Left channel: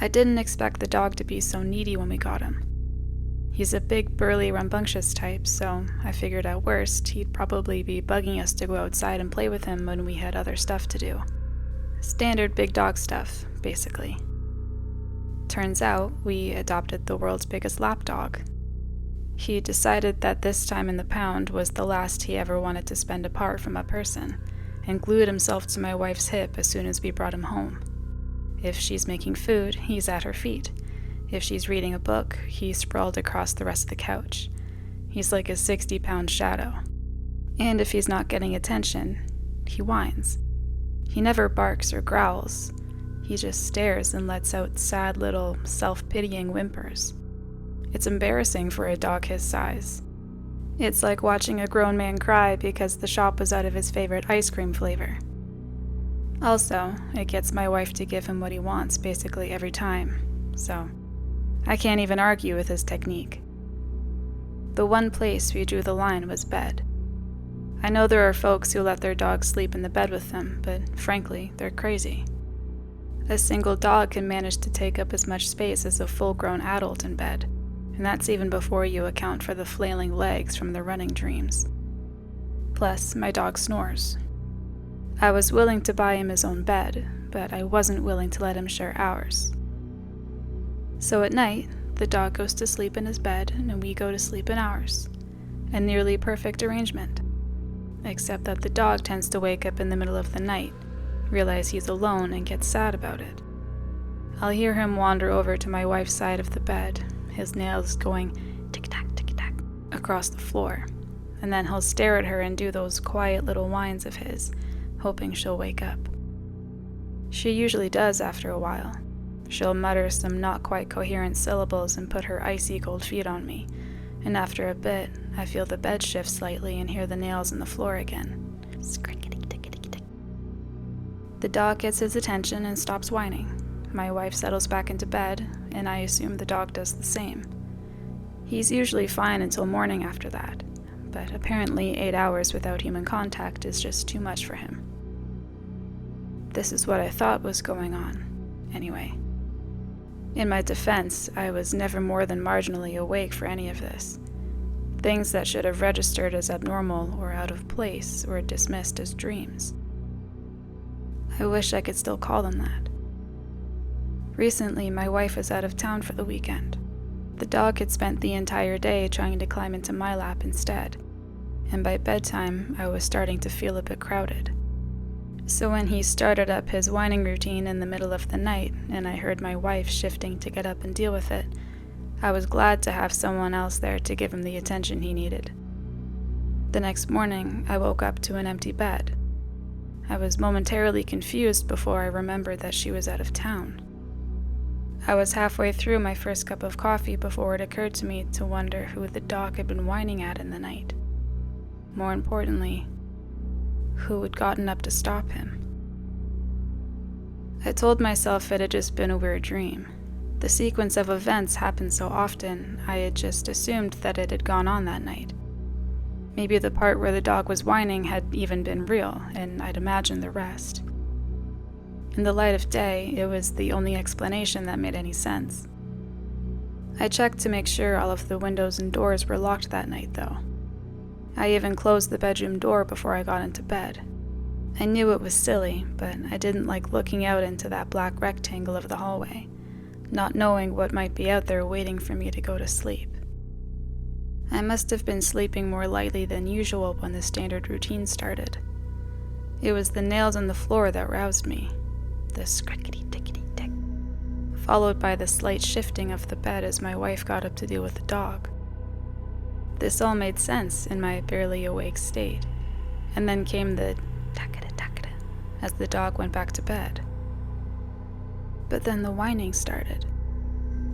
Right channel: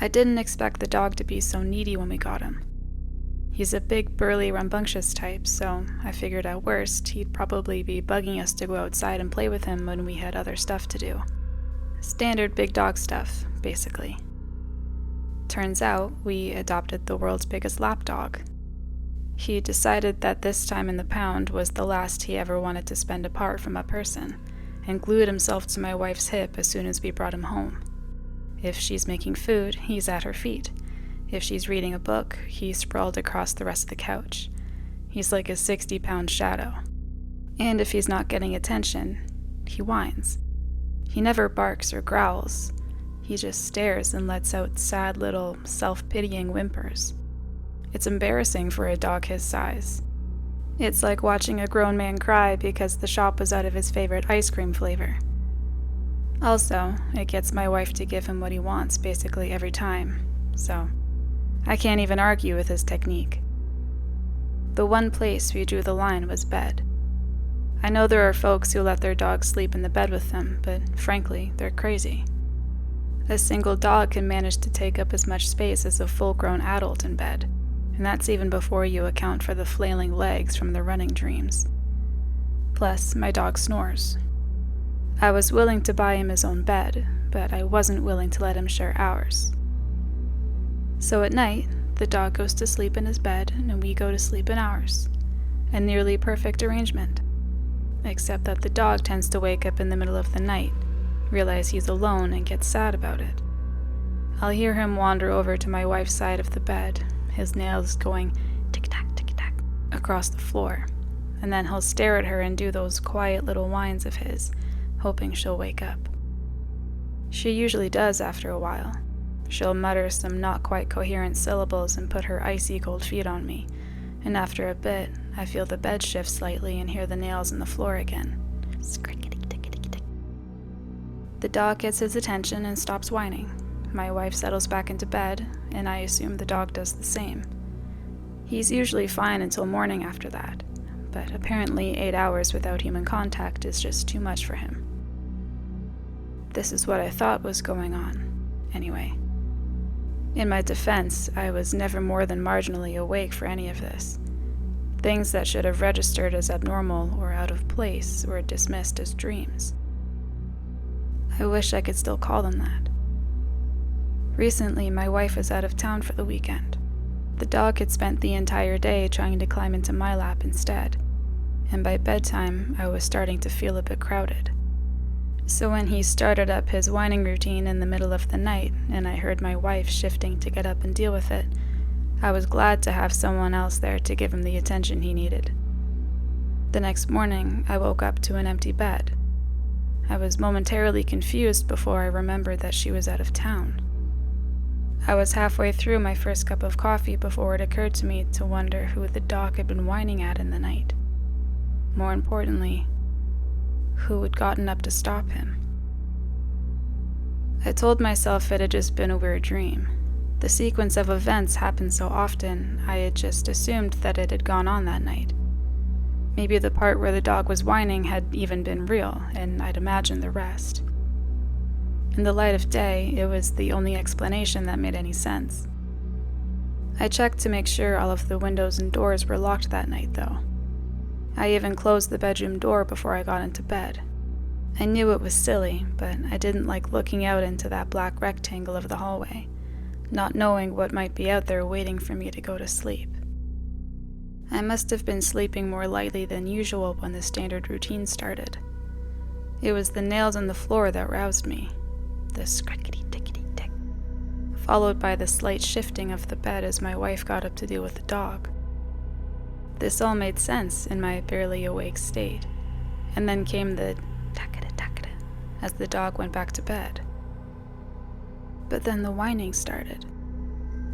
I didn't expect the dog to be so needy when we got him. He's a big, burly, rambunctious type, so I figured at worst he'd probably be bugging us to go outside and play with him when we had other stuff to do. Standard big dog stuff, basically. Turns out, we adopted the world's biggest lapdog. He decided that this time in the pound was the last he ever wanted to spend apart from a person, and glued himself to my wife's hip as soon as we brought him home. If she's making food, he's at her feet. If she's reading a book, he's sprawled across the rest of the couch. He's like a 60-pound shadow. And if he's not getting attention, he whines. He never barks or growls. He just stares and lets out sad little, self-pitying whimpers. It's embarrassing for a dog his size. It's like watching a grown man cry because the shop was out of his favorite ice cream flavor. Also, it gets my wife to give him what he wants basically every time, so I can't even argue with his technique. The one place we drew the line was bed. I know there are folks who let their dogs sleep in the bed with them, but frankly, they're crazy. A single dog can manage to take up as much space as a full-grown adult in bed, and that's even before you account for the flailing legs from the running dreams. Plus, my dog snores. I was willing to buy him his own bed, but I wasn't willing to let him share ours. So at night, the dog goes to sleep in his bed, and we go to sleep in ours. A nearly perfect arrangement. Except that the dog tends to wake up in the middle of the night, realize he's alone, and get sad about it. I'll hear him wander over to my wife's side of the bed, his nails going tick-tack, tick-tack across the floor, and then he'll stare at her and do those quiet little whines of his, hoping she'll wake up. She usually does after a while. She'll mutter some not quite coherent syllables and put her icy cold feet on me, and after a bit, I feel the bed shift slightly and hear the nails in the floor again. Scrickety-tickety-tick. The dog gets his attention and stops whining. My wife settles back into bed, and I assume the dog does the same. He's usually fine until morning after that, but apparently 8 hours without human contact is just too much for him. This is what I thought was going on, anyway. In my defense, I was never more than marginally awake for any of this. Things that should have registered as abnormal or out of place were dismissed as dreams. I wish I could still call them that. Recently, my wife was out of town for the weekend. The dog had spent the entire day trying to climb into my lap instead, and by bedtime, I was starting to feel a bit crowded. So when he started up his whining routine in the middle of the night, and I heard my wife shifting to get up and deal with it, I was glad to have someone else there to give him the attention he needed. The next morning, I woke up to an empty bed. I was momentarily confused before I remembered that she was out of town. I was halfway through my first cup of coffee before it occurred to me to wonder who the dog had been whining at in the night. More importantly, who had gotten up to stop him. I told myself it had just been a weird dream. The sequence of events happened so often, I had just assumed that it had gone on that night. Maybe the part where the dog was whining had even been real, and I'd imagined the rest. In the light of day, it was the only explanation that made any sense. I checked to make sure all of the windows and doors were locked that night, though. I even closed the bedroom door before I got into bed. I knew it was silly, but I didn't like looking out into that black rectangle of the hallway, not knowing what might be out there waiting for me to go to sleep. I must have been sleeping more lightly than usual when the standard routine started. It was the nails on the floor that roused me, the scrickety-tickety-tick, followed by the slight shifting of the bed as my wife got up to deal with the dog. This all made sense in my barely awake state, and then came the tackada-tackada as the dog went back to bed. But then the whining started,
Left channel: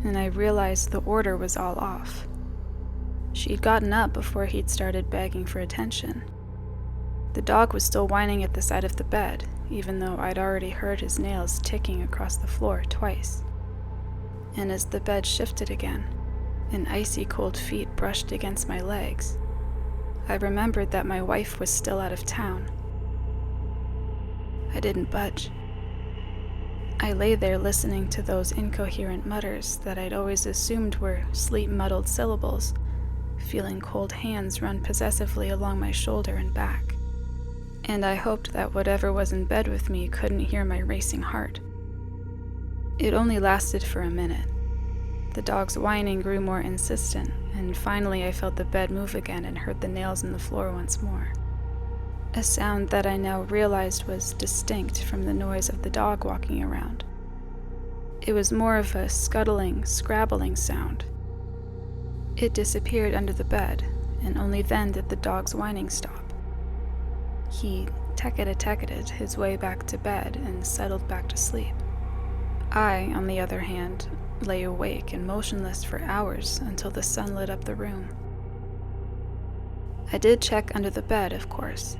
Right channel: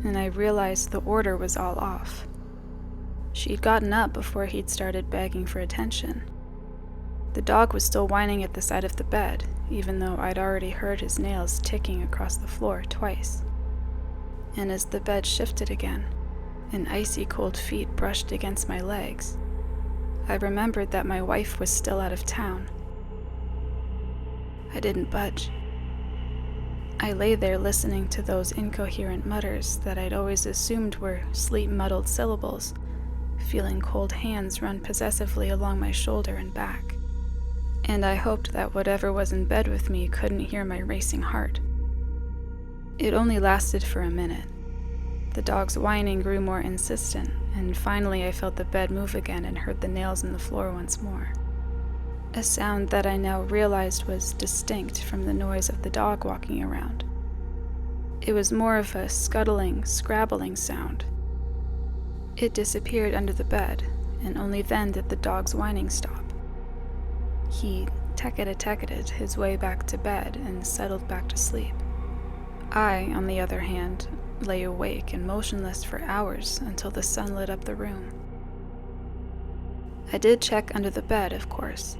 and I realized the order was all off. She'd gotten up before he'd started begging for attention. The dog was still whining at the side of the bed, even though I'd already heard his nails ticking across the floor twice. And as the bed shifted again, and icy cold feet brushed against my legs, I remembered that my wife was still out of town. I didn't budge. I lay there listening to those incoherent mutters that I'd always assumed were sleep-muddled syllables, feeling cold hands run possessively along my shoulder and back. And I hoped that whatever was in bed with me couldn't hear my racing heart. It only lasted for a minute. The dog's whining grew more insistent, and finally I felt the bed move again and heard the nails in the floor once more. A sound that I now realized was distinct from the noise of the dog walking around. It was more of a scuttling, scrabbling sound. It disappeared under the bed, and only then did the dog's whining stop. He tecketted his way back to bed and settled back to sleep. I, on the other hand, lay awake and motionless for hours until the sun lit up the room. I did check under the bed, of course,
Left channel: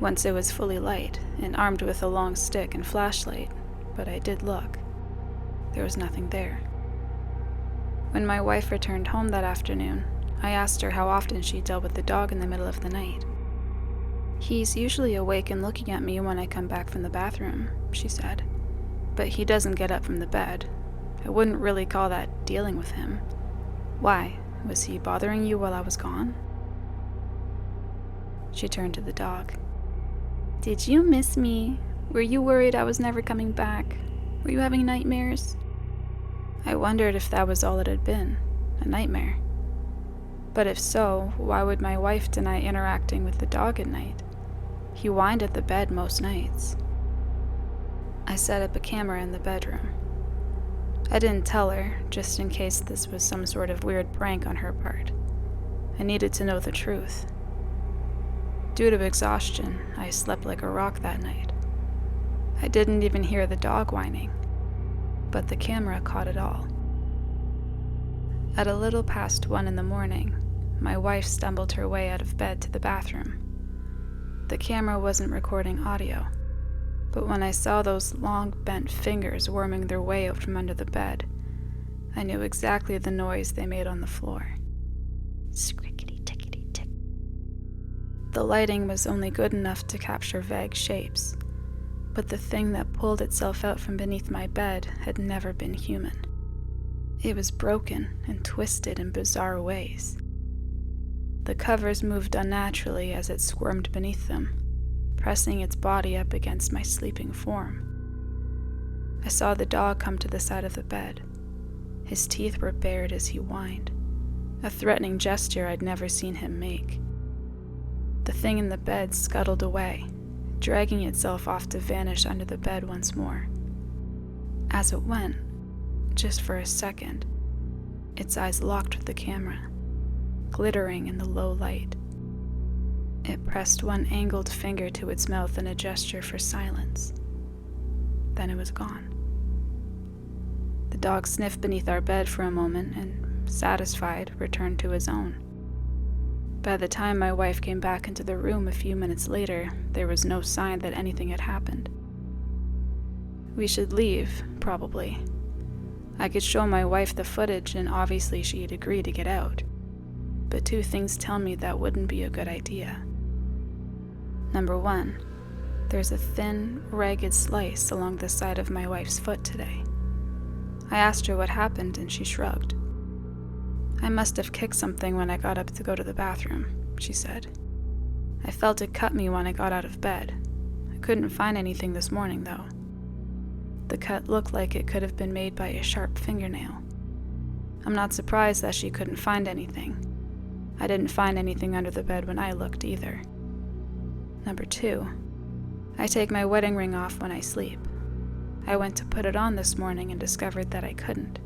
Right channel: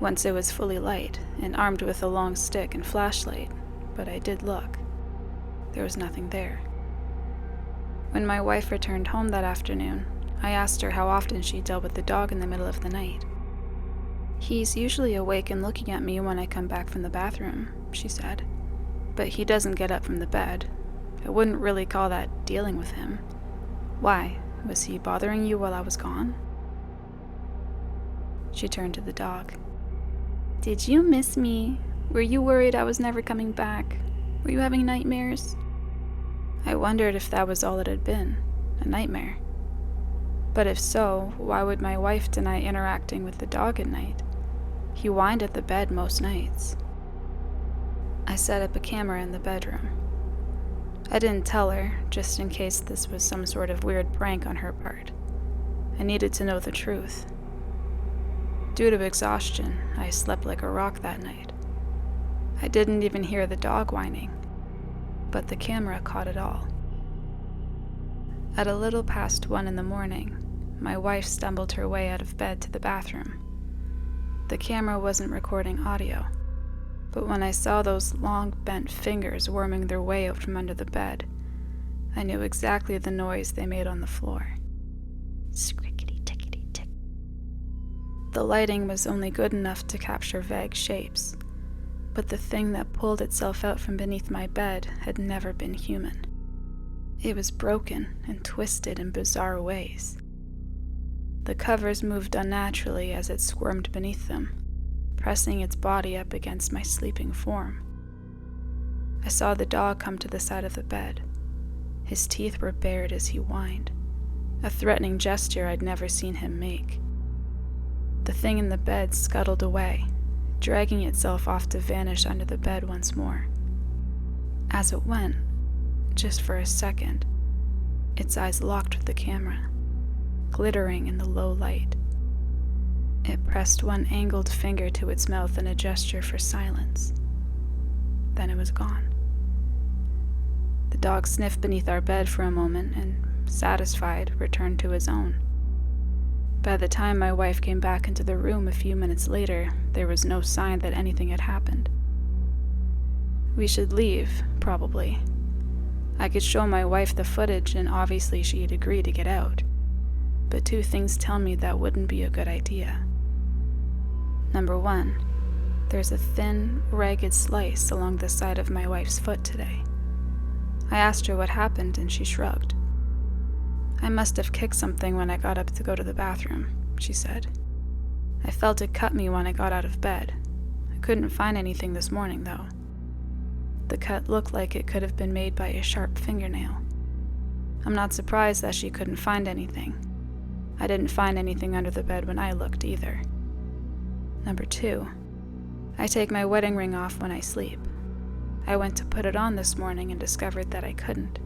once it was fully light and armed with a long stick and flashlight, but I did look. There was nothing there. When my wife returned home that afternoon, I asked her how often she dealt with the dog in the middle of the night. "He's usually awake and looking at me when I come back from the bathroom," she said. "But he doesn't get up from the bed. I wouldn't really call that dealing with him. Why? Was he bothering you while I was gone?" She turned to the dog. "Did you miss me? Were you worried I was never coming back? Were you having nightmares?" I wondered if that was all it had been, a nightmare. But if so, why would my wife deny interacting with the dog at night? He whined at the bed most nights. I set up a camera in the bedroom. I didn't tell her, just in case this was some sort of weird prank on her part. I needed to know the truth. Due to exhaustion, I slept like a rock that night. I didn't even hear the dog whining, but the camera caught it all. At a little past 1 in the morning, my wife stumbled her way out of bed to the bathroom. The camera wasn't recording audio, but when I saw those long bent fingers worming their way out from under the bed, I knew exactly the noise they made on the floor. Scrickety-tickety-tick. The lighting was only good enough to capture vague shapes, but the thing that pulled itself out from beneath my bed had never been human. It was broken and twisted in bizarre ways. The covers moved unnaturally as it squirmed beneath them, pressing its body up against my sleeping form. I saw the dog come to the side of the bed. His teeth were bared as he whined, a threatening gesture I'd never seen him make. The thing in the bed scuttled away, dragging itself off to vanish under the bed once more. As it went, just for a second, its eyes locked with the camera, glittering in the low light. It pressed one angled finger to its mouth in a gesture for silence. Then it was gone. The dog sniffed beneath our bed for a moment and, satisfied, returned to his own. By the time my wife came back into the room a few minutes later, there was no sign that anything had happened. We should leave, probably. I could show my wife the footage, and obviously she'd agree to get out. But two things tell me that wouldn't be a good idea. Number one, there's a thin, ragged slice along the side of my wife's foot today. I asked her what happened, and she shrugged. "I must have kicked something when I got up to go to the bathroom," she said. "I felt it cut me when I got out of bed. I couldn't find anything this morning, though. The cut looked like it could have been made by a sharp fingernail. I'm not surprised that she couldn't find anything. I didn't find anything under the bed when I looked either. Number two, I take my wedding ring off when I sleep. I went to put it on this morning and discovered that I couldn't.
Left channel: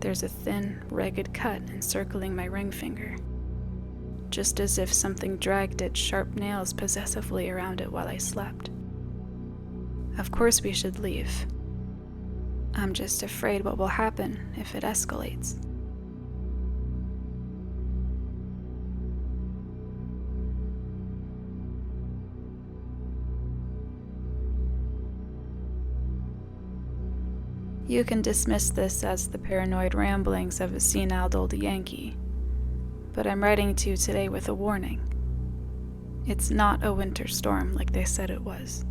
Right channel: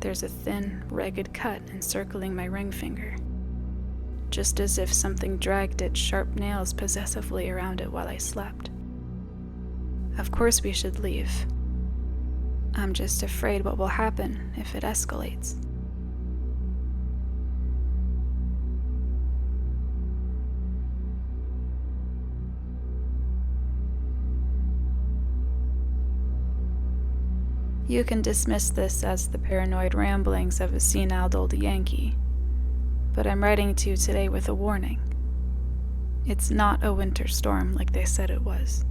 There's a thin, ragged cut encircling my ring finger, just as if something dragged its sharp nails possessively around it while I slept. Of course we should leave. I'm just afraid what will happen if it escalates." You can dismiss this as the paranoid ramblings of a senile old Yankee, but I'm writing to you today with a warning. It's not a winter storm like they said it was.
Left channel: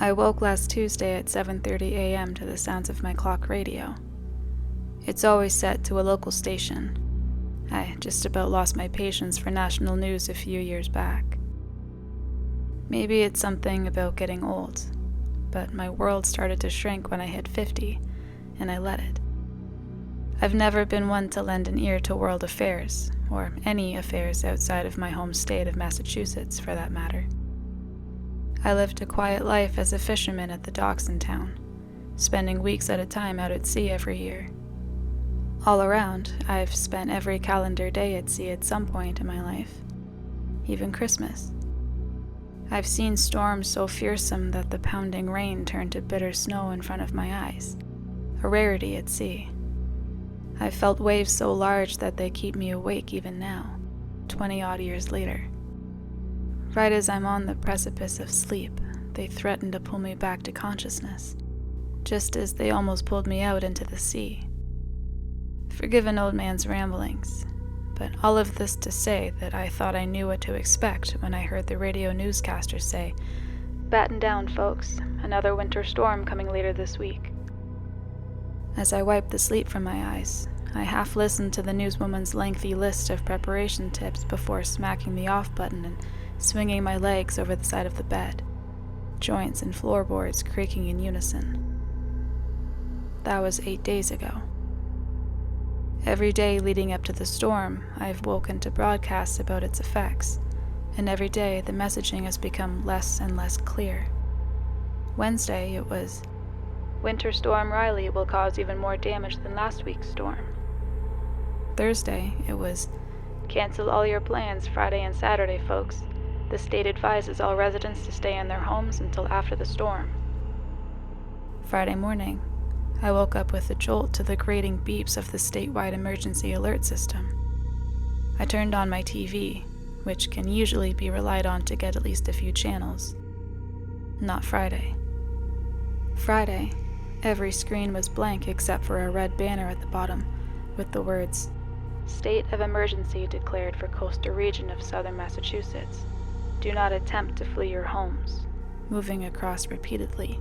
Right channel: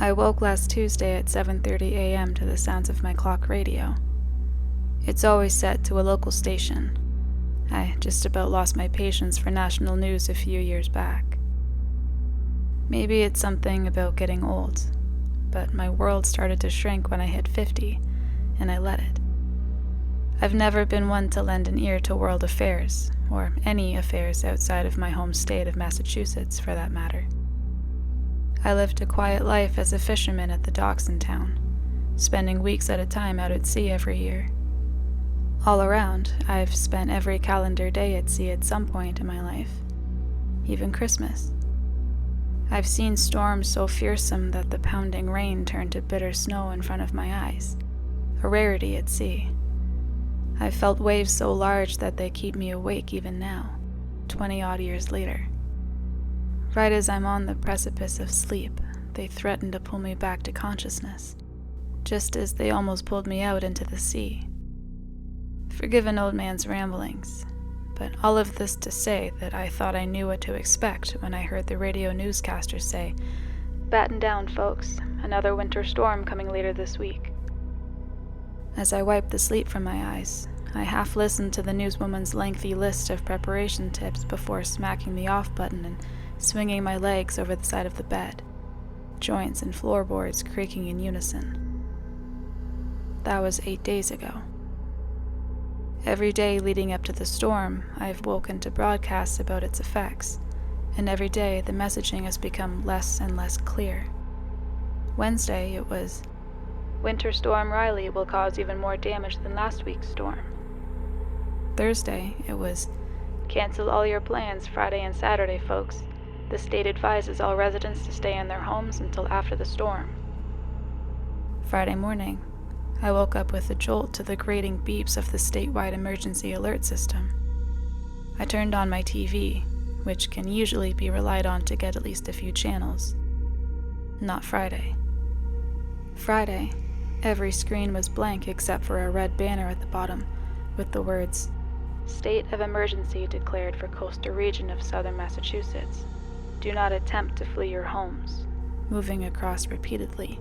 I woke last Tuesday at 7:30 a.m. to the sounds of my clock radio. It's always set to a local station. I just about lost my patience for national news a few years back. Maybe it's something about getting old, but my world started to shrink when I hit 50, and I let it. I've never been one to lend an ear to world affairs, or any affairs outside of my home state of Massachusetts, for that matter. I lived a quiet life as a fisherman at the docks in town, spending weeks at a time out at sea every year. All around, I've spent every calendar day at sea at some point in my life, even Christmas. I've seen storms so fearsome that the pounding rain turned to bitter snow in front of my eyes, a rarity at sea. I've felt waves so large that they keep me awake even now, 20-odd years later. Right as I'm on the precipice of sleep, they threaten to pull me back to consciousness, just as they almost pulled me out into the sea. Forgive an old man's ramblings, but all of this to say that I thought I knew what to expect when I heard the radio newscaster say, "Batten down, folks. Another winter storm coming later this week." As I wiped the sleep from my eyes, I half listened to the newswoman's lengthy list of preparation tips before smacking the off button and swinging my legs over the side of the bed, joints and floorboards creaking in unison. That was 8 days ago. Every day leading up to the storm, I've woken to broadcasts about its effects, and every day the messaging has become less and less clear. Wednesday it was, "Winter Storm Riley will cause even more damage than last week's storm." Thursday it was, "Cancel all your plans Friday and Saturday, folks. The state advises all residents to stay in their homes until after the storm." Friday morning, I woke up with a jolt to the grating beeps of the statewide emergency alert system. I turned on my TV, which can usually be relied on to get at least a few channels. Not Friday. Friday, every screen was blank except for a red banner at the bottom with the words, "State of emergency declared for coastal region of southern Massachusetts. Do not attempt to flee your homes," moving across repeatedly,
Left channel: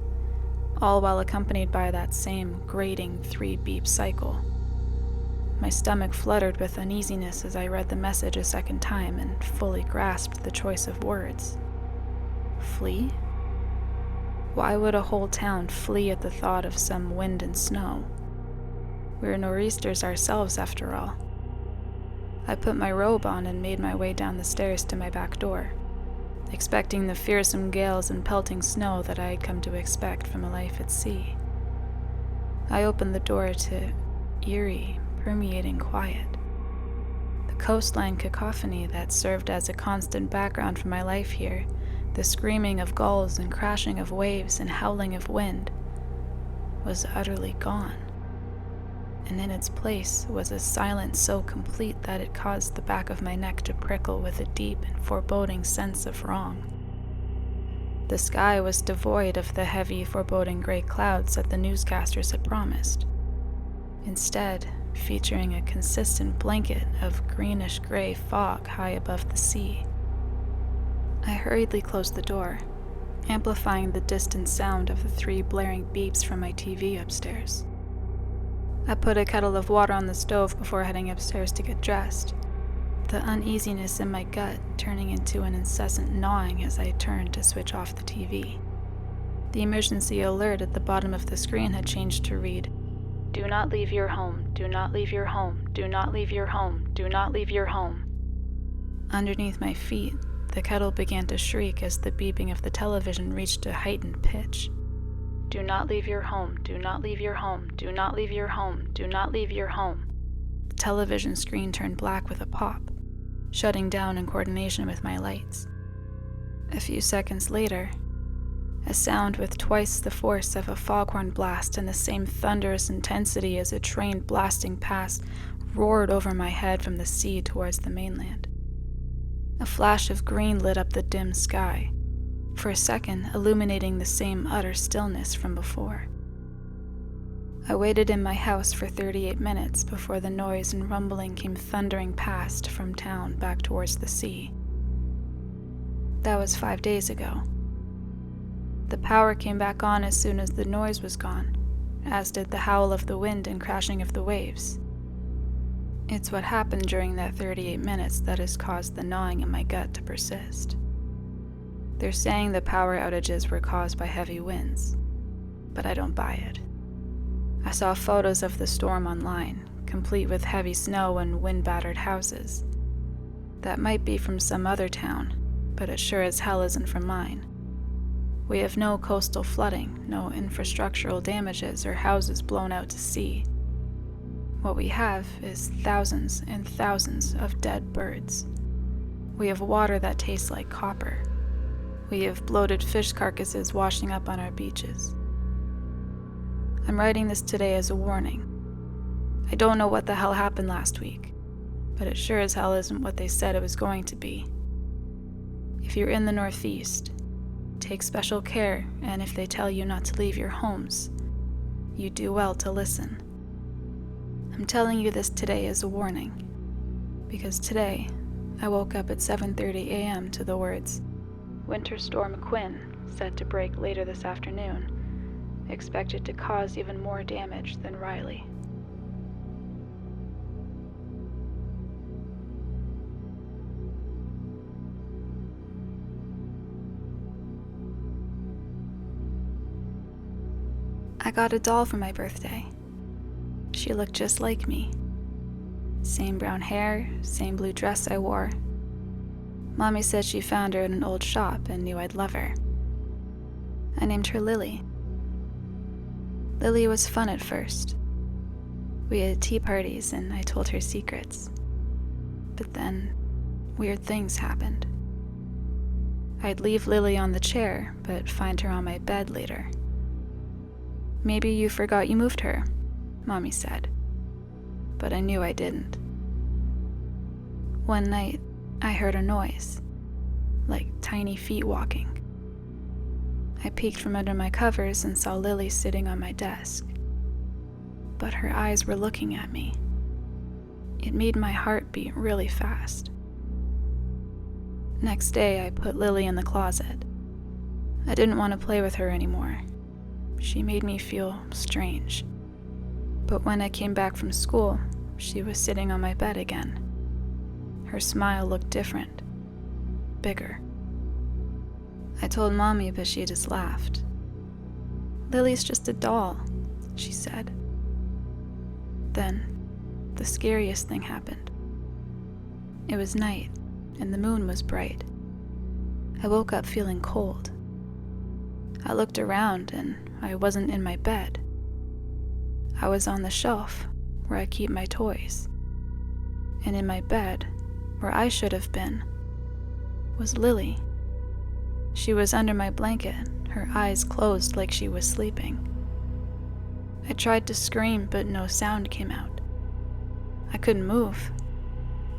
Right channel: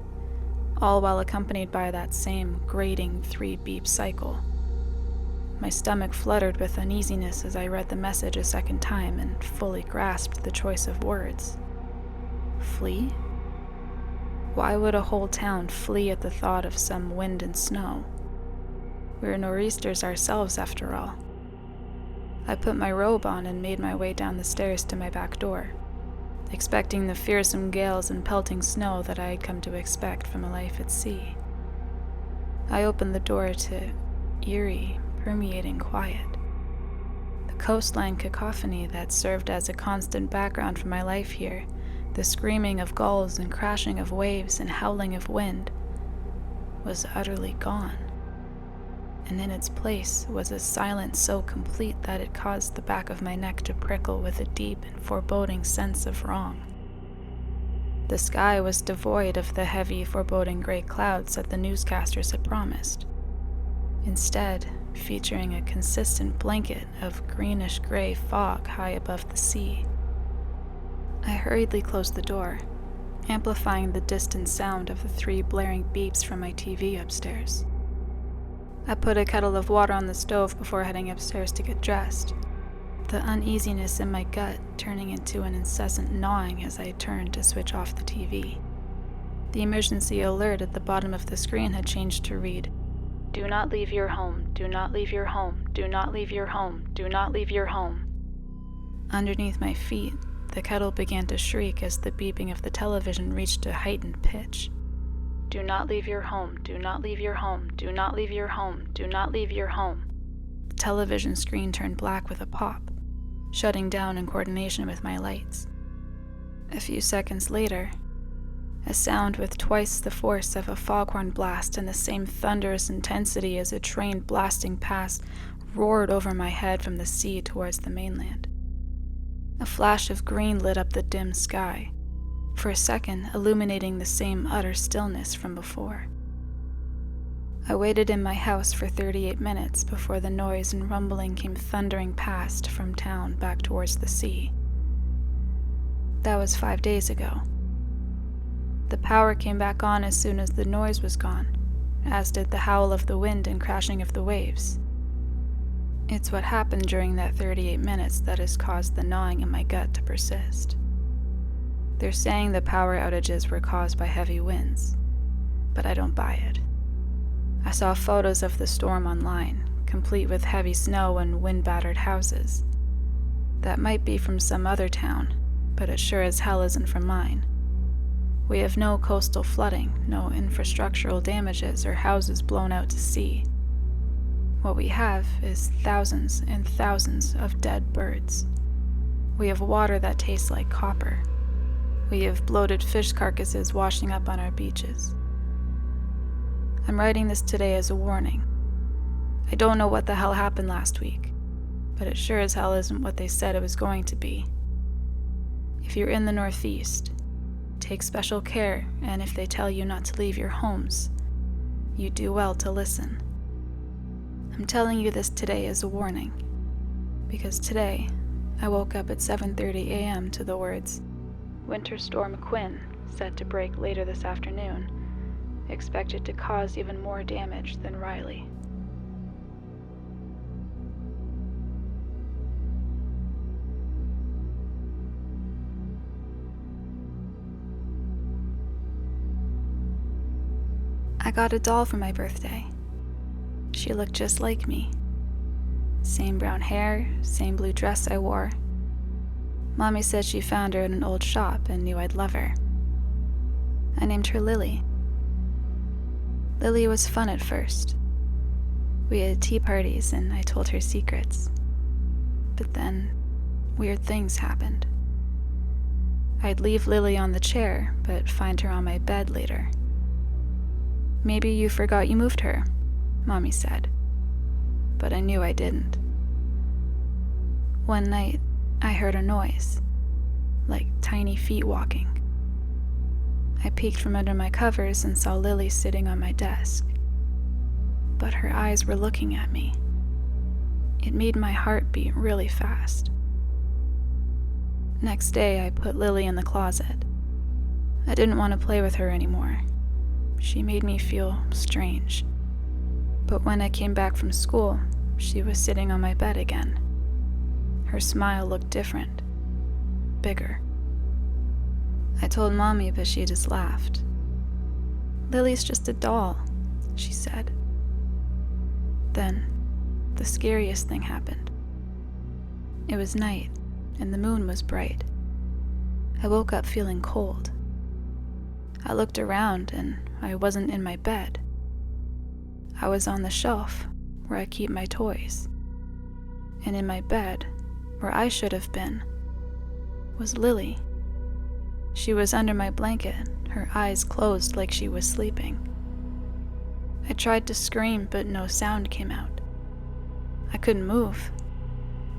all while accompanied by that same grating 3-beep cycle. My stomach fluttered with uneasiness as I read the message a second time and fully grasped the choice of words. Flee? Why would a whole town flee at the thought of some wind and snow? We're nor'easters ourselves, after all. I put my robe on and made my way down the stairs to my back door, expecting the fearsome gales and pelting snow that I had come to expect from a life at sea. I opened the door to eerie, permeating quiet. The coastline cacophony that served as a constant background for my life here, the screaming of gulls and crashing of waves and howling of wind, was utterly gone. And in its place was a silence so complete that it caused the back of my neck to prickle with a deep and foreboding sense of wrong. The sky was devoid of the heavy, foreboding gray clouds that the newscasters had promised, instead featuring a consistent blanket of greenish-gray fog high above the sea. I hurriedly closed the door, amplifying the distant sound of the 3 blaring beeps from my TV upstairs. I put a kettle of water on the stove before heading upstairs to get dressed, the uneasiness in my gut turning into an incessant gnawing as I turned to switch off the TV. The emergency alert at the bottom of the screen had changed to read, "Do not leave your home, do not leave your home, do not leave your home, do not leave your home." Underneath my feet, the kettle began to shriek as the beeping of the television reached a heightened pitch. "Do not leave your home, do not leave your home, do not leave your home, do not leave your home." The television screen turned black with a pop, shutting down in coordination with my lights. A few seconds later, a sound with twice the force of a foghorn blast and the same thunderous intensity as a train blasting past roared over my head from the sea towards the mainland. A flash of green lit up the dim sky, for a second illuminating the same utter stillness from before. I waited in my house for 38 minutes before the noise and rumbling came thundering past from town back towards the sea. That was 5 days ago. The power came back on as soon as the noise was gone, as did the howl of the wind and crashing of the waves. It's what happened during that 38 minutes that has caused the gnawing in my gut to persist. They're saying the power outages were caused by heavy winds, but I don't buy it. I saw photos of the storm online, complete with heavy snow and wind-battered houses. That might be from some other town, but it sure as hell isn't from mine. We have no coastal flooding, no infrastructural damages or houses blown out to sea. What we have is thousands and thousands of dead birds. We have water that tastes like copper. We have bloated fish carcasses washing up on our beaches. I'm writing this today as a warning. I don't know what the hell happened last week, but it sure as hell isn't what they said it was going to be. If you're in the Northeast, take special care, and if they tell you not to leave your homes, you do well to listen. I'm telling you this today as a warning, because today I woke up at 7:30 a.m. to the words, "Winter Storm Quinn, set to break later this afternoon, expected to cause even more damage than Riley." I got a doll for my birthday. She looked just like me. Same brown hair, same blue dress I wore. Mommy said she found her in an old shop and knew I'd love her. I named her Lily. Lily was fun at first. We had tea parties and I told her secrets. But then, weird things happened. I'd leave Lily on the chair, but find her on my bed later. "Maybe you forgot you moved her," Mommy said. But I knew I didn't. One night, I heard a noise, like tiny feet walking. I peeked from under my covers and saw Lily sitting on my desk. But her eyes were looking at me. It made my heart beat really fast. Next day, I put Lily in the closet. I didn't want to play with her anymore. She made me feel strange. But when I came back from school, she was sitting on my bed again. Her smile looked different, bigger. I told Mommy, but she just laughed. "Lily's just a doll," she said. Then, the scariest thing happened. It was night, and the moon was bright. I woke up feeling cold. I looked around, and I wasn't in my bed. I was on the shelf, where I keep my toys. And in my bed, where I should have been, was Lily. She was under my blanket, her eyes closed like she was sleeping. I tried to scream, but no sound came out. I couldn't move.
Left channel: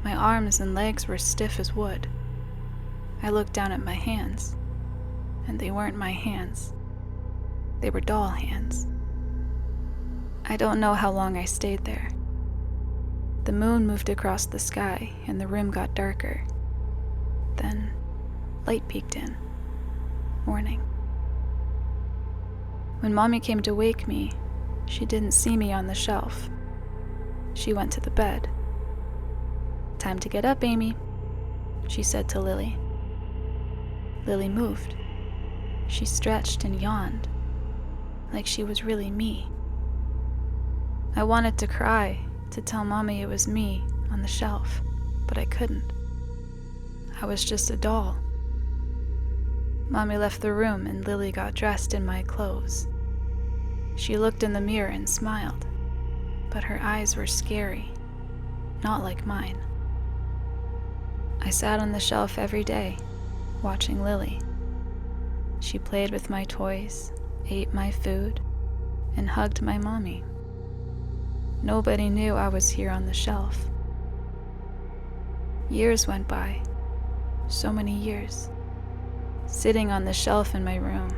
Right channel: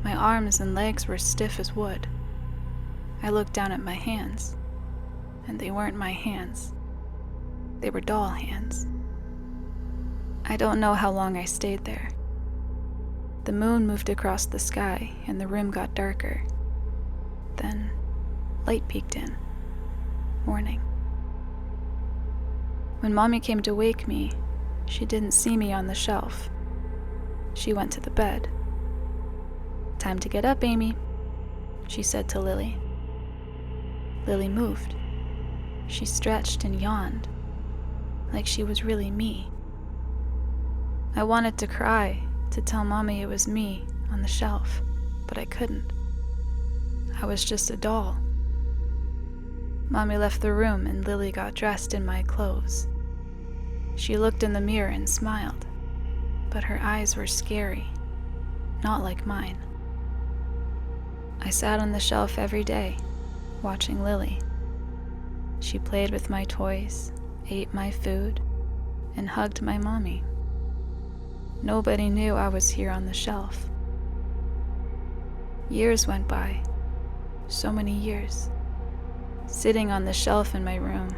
My arms and legs were stiff as wood. I looked down at my hands, and they weren't my hands. They were doll hands. I don't know how long I stayed there. The moon moved across the sky, and the room got darker. Then, light peeked in. Morning. When Mommy came to wake me, she didn't see me on the shelf. She went to the bed. "Time to get up, Amy," she said to Lily. Lily moved. She stretched and yawned, like she was really me. I wanted to cry, to tell Mommy it was me on the shelf, but I couldn't. I was just a doll. Mommy left the room and Lily got dressed in my clothes. She looked in the mirror and smiled, but her eyes were scary, not like mine. I sat on the shelf every day, watching Lily. She played with my toys, ate my food, and hugged my mommy. Nobody knew I was here on the shelf. Years went by, so many years, sitting on the shelf in my room.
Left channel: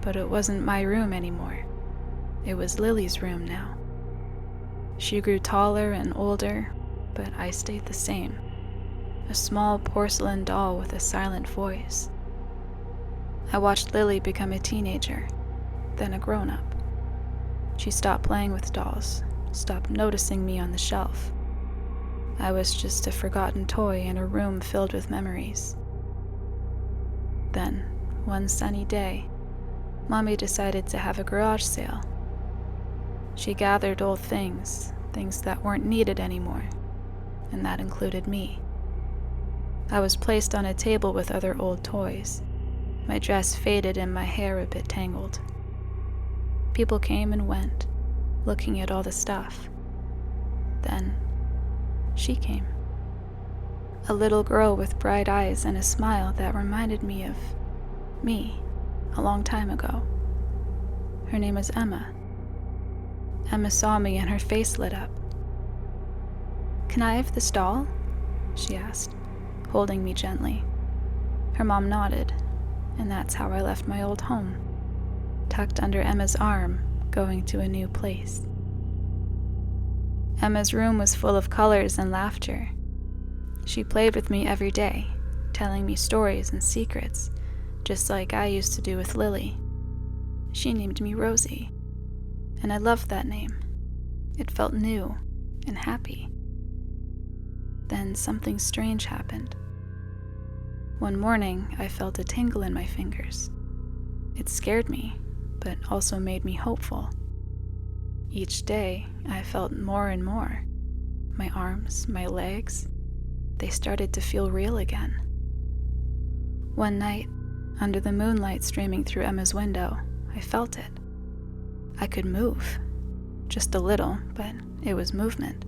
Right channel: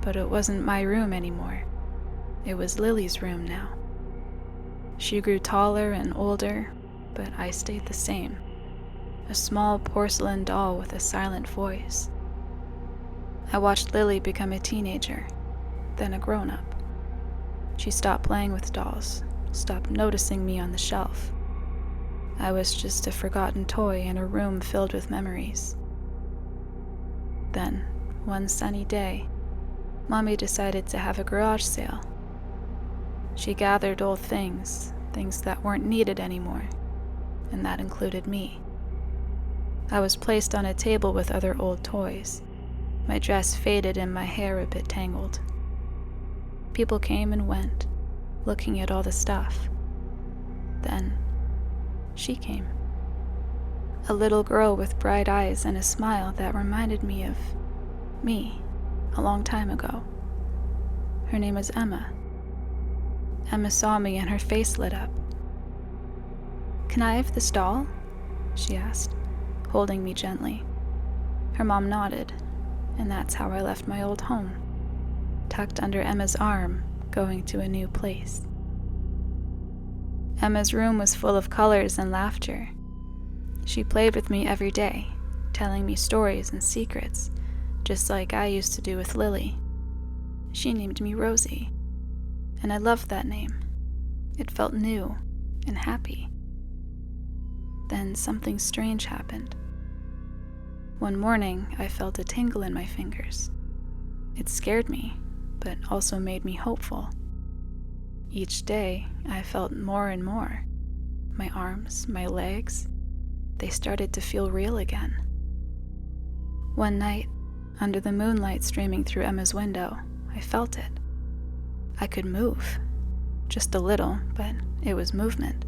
But it wasn't my room anymore. It was Lily's room now. She grew taller and older, but I stayed the same. A small porcelain doll with a silent voice. I watched Lily become a teenager, then a grown-up. She stopped playing with dolls, stopped noticing me on the shelf. I was just a forgotten toy in a room filled with memories. Then, one sunny day, Mommy decided to have a garage sale. She gathered old things that weren't needed anymore, and that included me. I was placed on a table with other old toys, my dress faded and my hair a bit tangled. People came and went, looking at all the stuff. Then, she came. A little girl with bright eyes and a smile that reminded me of me a long time ago. Her name was Emma. Emma saw me and her face lit up. "Can I have this doll?" she asked, holding me gently. Her mom nodded, and that's how I left my old home, tucked under Emma's arm, going to a new place. Emma's room was full of colors and laughter. She played with me every day, telling me stories and secrets, just like I used to do with Lily. She named me Rosie, and I loved that name. It felt new and happy. Then something strange happened. One morning, I felt a tingle in my fingers. It scared me, but also made me hopeful. Each day, I felt more and more. My arms, my legs, they started to feel real again. One night, under the moonlight streaming through Emma's window, I felt it. I could move. Just a little, but it was movement.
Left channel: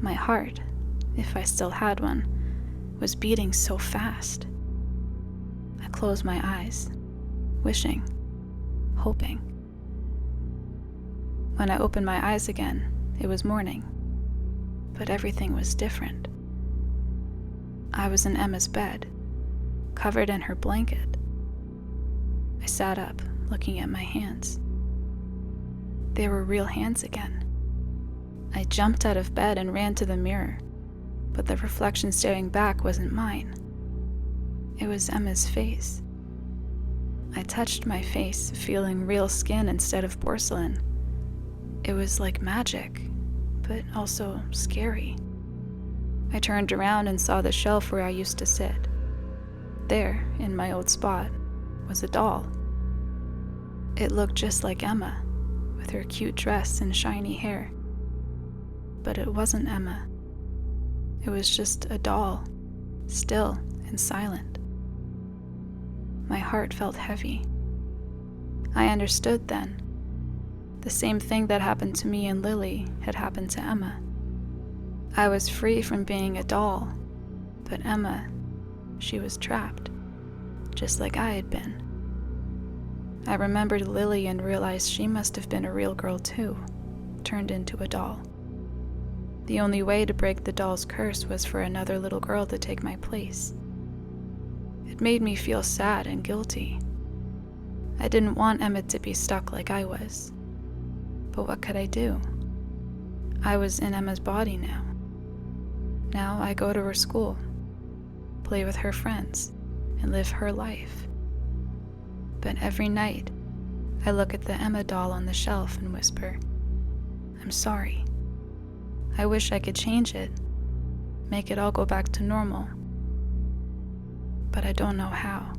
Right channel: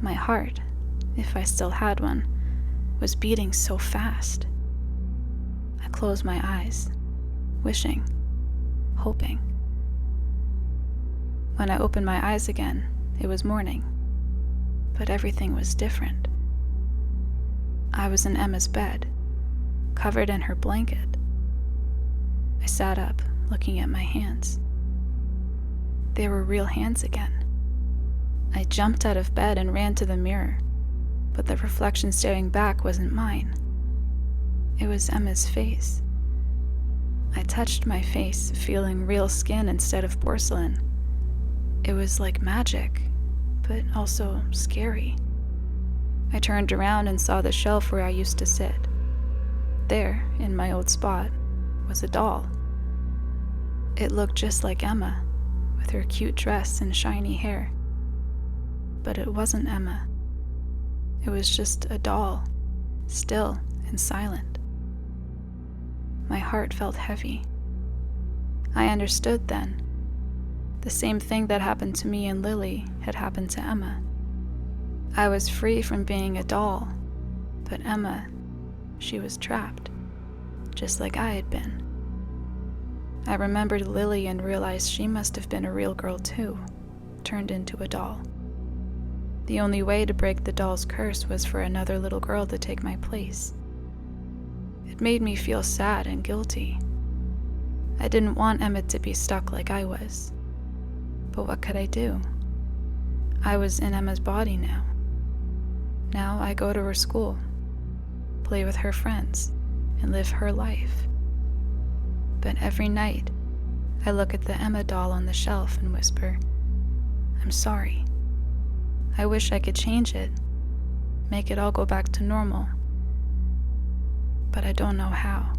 My heart, if I still had one, was beating so fast. I closed my eyes, wishing, hoping. When I opened my eyes again, it was morning, but everything was different. I was in Emma's bed, covered in her blanket. I sat up, looking at my hands. They were real hands again. I jumped out of bed and ran to the mirror, but the reflection staring back wasn't mine. It was Emma's face. I touched my face, feeling real skin instead of porcelain. It was like magic, but also scary. I turned around and saw the shelf where I used to sit. There, in my old spot, was a doll. It looked just like Emma, with her cute dress and shiny hair. But it wasn't Emma. It was just a doll, still and silent. My heart felt heavy. I understood then. The same thing that happened to me and Lily had happened to Emma. I was free from being a doll, but Emma, she was trapped, just like I had been. I remembered Lily and realized she must have been a real girl too, turned into a doll. The only way to break the doll's curse was for another little girl to take my place. It made me feel sad and guilty. I didn't want Emmett to be stuck like I was. But what could I do? I was in Emma's body now. Now I go to her school, play with her friends, and live her life. But every night, I look at the Emma doll on the shelf and whisper, "I'm sorry. I wish I could change it, make it all go back to normal. But I don't know how."